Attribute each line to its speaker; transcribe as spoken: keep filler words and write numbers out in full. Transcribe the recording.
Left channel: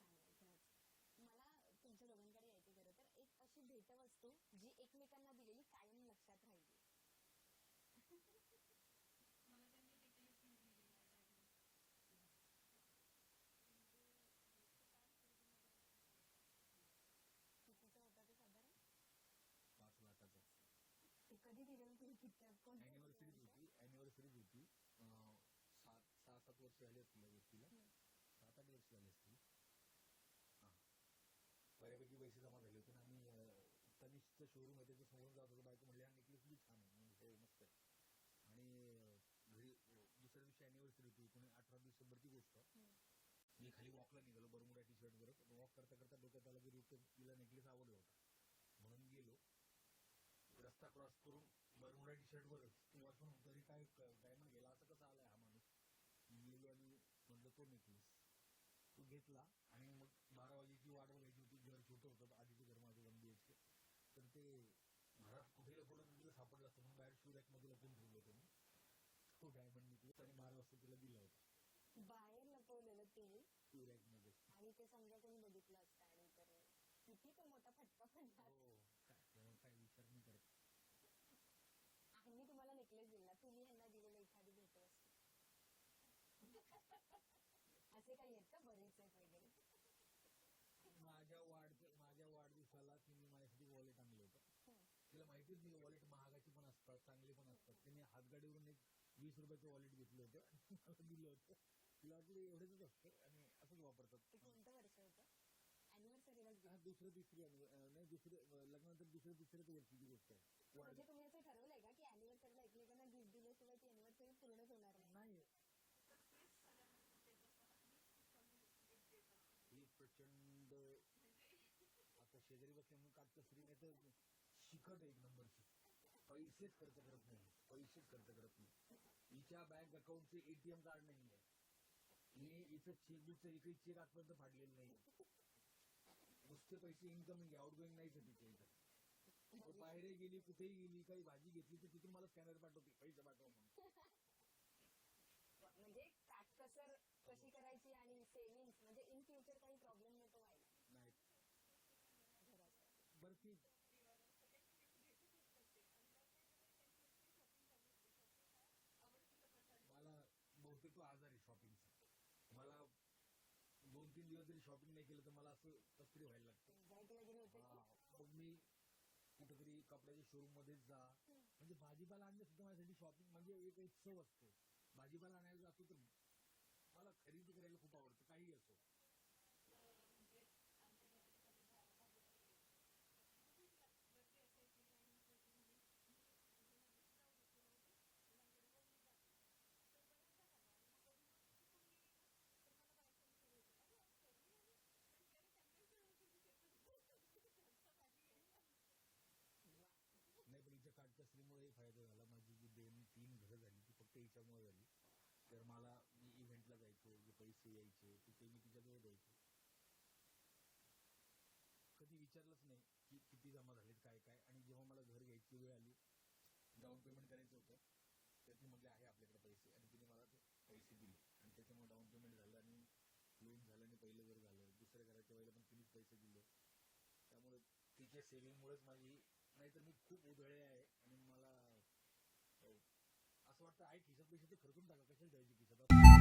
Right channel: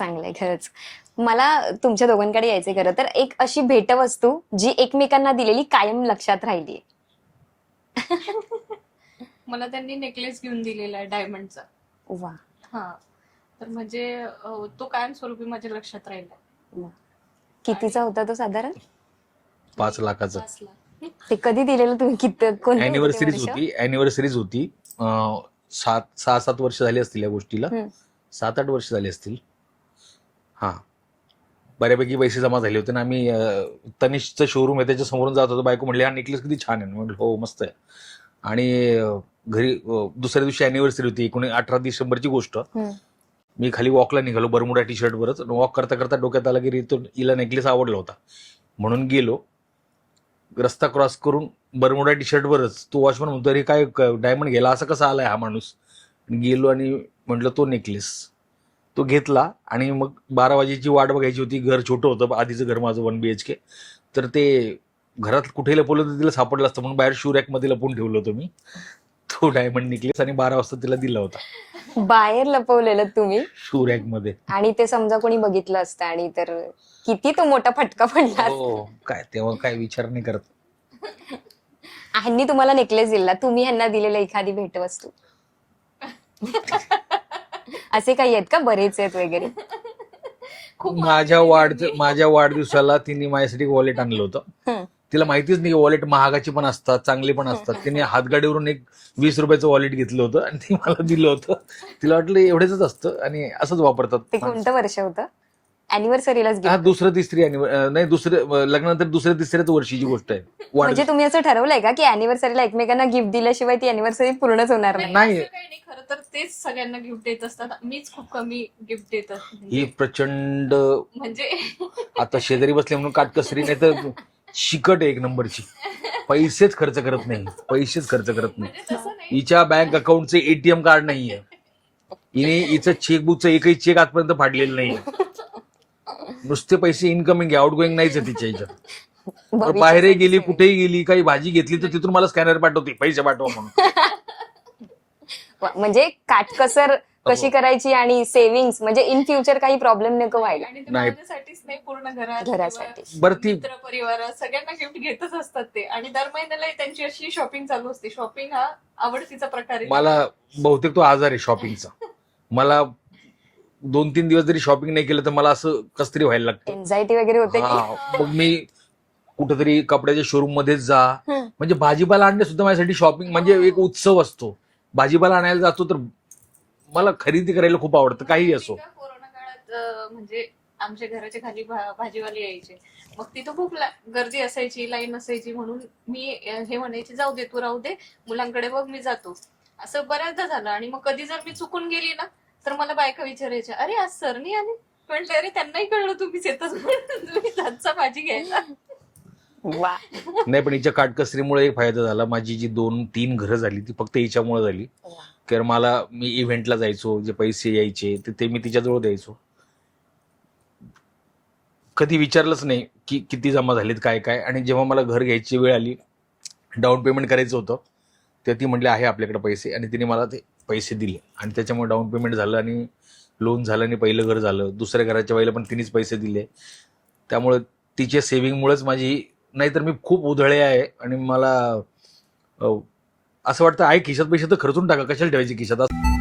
Speaker 1: चांगलंय खरंच. मला तुमच्या दोघांकडे यायचंय खरं तर. एक अशी भेटवस्तू जी एकमेकांना दिलेली कायम लक्षात राहिली.
Speaker 2: मला त्यांनी नेकलेस घेऊन दिलेला आहे डायमंडचा.
Speaker 1: वा.
Speaker 2: हा, तर म्हणजे अं, तो कायमस्वरूपी माझ्या लक्षात राहिला.
Speaker 1: वा. कितीचा होता तो साधारण?
Speaker 3: पाच लाखाचं.
Speaker 2: पाच लाख.
Speaker 1: ते कधी दिलेलं तुम्ही? किती कोणतं होतं ते
Speaker 3: अॅनिव्हर्सरीज
Speaker 1: वर्ष?
Speaker 3: होती अॅनिव्हर्सरीज होती अं, सात सहा सात वर्ष झाली असतील या गोष्टीला.
Speaker 1: हम्म.
Speaker 3: सात आठ वर्ष झाली असतील. हा, बऱ्यापैकी पैसे जमा झाले होते ना. आम्ही अं, तनिष्कचं शोरूम आहे त्याच्या समोरून जात होतो. बायको म्हणली हा नेकलेस किती छान आहे. म्हटलं हो मस्त आहे. आणि अं, घरी अं, दुसऱ्या दिवशी अॅनिव्हर्सरी होती. एकोणी अठरा डिसेंबरची गोष्ट.
Speaker 1: हम्म.
Speaker 3: मी खाली वॉकला निघालो बरमुडा टी शर्टवरच. वॉक करता करता डोक्यात आला की तो हिला नेकलेस आवडला होता म्हणून गेलो. रस्ता क्रॉस करून बरमुडा टी शर्टवरच तो वॉचमन म्हणतो अरे काय डायमंड गेला असं कसा आलाय हा माणूस. गेलो आणि म्हटलं तो नेकलेस. तो घेतला आणि मग बारा वाजेची वाट बघायची होती. घर छोटं होतं आधीचं घर माझं वन बी एच के. तर ते घरात कुठे लपवलं तर तिला सापडलं असतं म्हणून बाहेर शू रॅकमध्ये लपवून ठेवलं होतं मी तो डायमंड नेकलेस. आणि बारा वाजता तिला दिला होता
Speaker 1: बाहेर लपवलेलं तुम्ही
Speaker 3: शू रॅकमध्ये.
Speaker 1: आणि ते समजा कोणी बघितलं असतं आणि तर किती तो मोठा फटका पडला असता.
Speaker 3: हो, काय तेव्हा काय विचार नाही करत.
Speaker 1: ह्यांनी तुम्हाला नेकलेस दिला, तुम्ही ह्यांना दिलेलं एखादी भेटवस्तू असे काही आहेत का? बरेच आहेत वगैरे.
Speaker 2: खूप
Speaker 3: माझ्या
Speaker 2: आवडली
Speaker 3: वाढ
Speaker 2: त्यांनी.
Speaker 3: माझ्या वाढदिवसाला तिने माझ्यासाठी वॉलेट आणलं होतं.
Speaker 1: हम्म.
Speaker 3: तिला माहितीच नाही वॉलेट महागाची पण असतात चांगली पण असतात. तिने हातगाडीवरून एक वीस रुपयाचं वॉलेट घेतलं होतं आणि ते मला दिलं होतं. तिला वाटलं एवढेच असतं आणि असंच वापरतात
Speaker 1: ते
Speaker 3: माणसं.
Speaker 1: कोणतं वर्ष होतं? अॅनिव्हर्सरीलाच
Speaker 3: हा,
Speaker 1: गिफ्ट.
Speaker 3: दुसरं तिसरी anniver- अं, नाही दुसरं लग्नानंतर दुसऱ्या तिसऱ्याच वर्षीची गोष्ट आहे.
Speaker 1: म्हणजे
Speaker 3: वाढदिवस
Speaker 1: तुम्ही असं ठरवलंय का की अॅनिव्हर्सरीला एकमेकांना गिफ्ट दिल्याशिवाय ती अॅनिव्हर्सरी पूर्णच होणार नाही?
Speaker 3: नाही.
Speaker 2: असं काही नाही, खरं तर तेच सगळ्यांना गिफ्ट देत असतात. मीच खूप कमी गिफ्ट देत असते.
Speaker 3: ही
Speaker 2: म्हणजे-
Speaker 3: प्रचंड
Speaker 2: म्हणजे
Speaker 3: आता शेजारी बसले म्हणून काटकसरी नाही तर शिकट आहे एक नंबरची. पैसेच खर्च करत नाही पैसेच खर्च करत नाही.
Speaker 2: म्हणजे तसं नाही.
Speaker 3: हिच्या बँक अकाउंटचे एटीएम कार्ड नाहीये. हिने हिचं चेकबुकचं एकही चेक आजपर्यंत फाडलेलं नाहीये. नुसते पैसे इनकमिंग आहे आउट गोईंग नाहीच आहे तिच्या ह्याच्यात. बाहेरही
Speaker 1: भविष्यासाठी
Speaker 3: गेली
Speaker 1: saving.
Speaker 3: कुठेही गेली काही भाजी घेतली तर तिथून मला स्कॅनर पाठवते पैसे पाठवा म्हणून.
Speaker 1: वा, म्हणजे काटकसर कशी
Speaker 3: हो.
Speaker 1: करायची आणि सेव्हिंग्स म्हणजे इन फ्युचर काही प्रॉब्लेम नको व्हायला.
Speaker 2: आणि ते
Speaker 3: नाही.
Speaker 2: माझ्यासाठीच नाही, पूर्ण घरात
Speaker 1: घरासाठी.
Speaker 2: किंवा
Speaker 3: बरं ती
Speaker 2: मित्र परिवारात सगळ्यांना गिफ्ट घेतच असतात ते. आणि दर महिन्याला त्यांची अशी शॉपिंग चालू असते. शॉपिंग हा आवडतीचा प्रकार आहे.
Speaker 3: मला बहुतेक तो आजार आहे शॉपिंगचा. मला दोन तीन दिवस जरी शॉपिंग नाही केलं तर मला असं कस तरी व्हायला लागतं.
Speaker 1: एन्झायटी वगैरे होते की?
Speaker 3: हा, मग मी कुठेतरी कपड्याच्या शोरूम मध्येच जा.
Speaker 1: हम्म.
Speaker 3: म्हणजे भाजीपाला आणणे सुद्धा माझ्यासाठी शॉपिंग म्हणजे एक उत्सव असतो. भाजीपाला आणायला जातो तर मला खरेदी करायला खूप आवडतं काही असो.
Speaker 2: माहिती का, कोरोना काळात अं, म्हणजे आमच्या घराच्या खाली भा- भाजीवाले यायचे. मग तिथं खूप ला- गर्दी असायची, लाईन असायची. म्हणून मी अं, हे म्हणायचे जाऊ दे तू राहू दे, मुलांकडे बघ मी जातो. असं बऱ्याचदा झालं. आणि मग कधी जर मी चुकून गेली ना तर मला बायका विचारायच्या अरे आज सर नाही आले. म्हटलं अरे त्यांनाही कळलं तुम्हीच येतच म्हणून तुम्ही जातचा भाजी घ्यायला.
Speaker 1: वा.
Speaker 3: नाही पण हिच्या काटकसरीमुळे एक फायदा झाला. माझी जी दोन तीन घरं झाली ती फक्त हिच्यामुळे झाली. कारण मला मी इव्हेंटला जायचो जे पैसे यायचे ते ते मी तिच्याजवळ द्यायचो. कधी विचारलंच नाही की किती जमा झालेत काय काय. आणि जेव्हा मला घर घ्यायची वेळ आली डाऊन पेमेंट करायचं होतं तेव्हा ती म्हटली आहे आपल्याकडे पैसे. आणि तिने मला ते पैसे दिले आणि त्याच्यामुळे डाऊन पेमेंट झालं आणि लोन झालं आणि पहिलं घर झालं. दुसऱ्या घराच्या वेळेला पण तिनेच पैसे दिले. त्यामुळे तिच्या सेव्हिंगमुळेच माझी नाहीतर मी खूप उधळे आहे. आणि मला अं, असं वाटतं आहे खिशात पैसे तर खर्चून टाका कशाला ठेवायचे खिशात.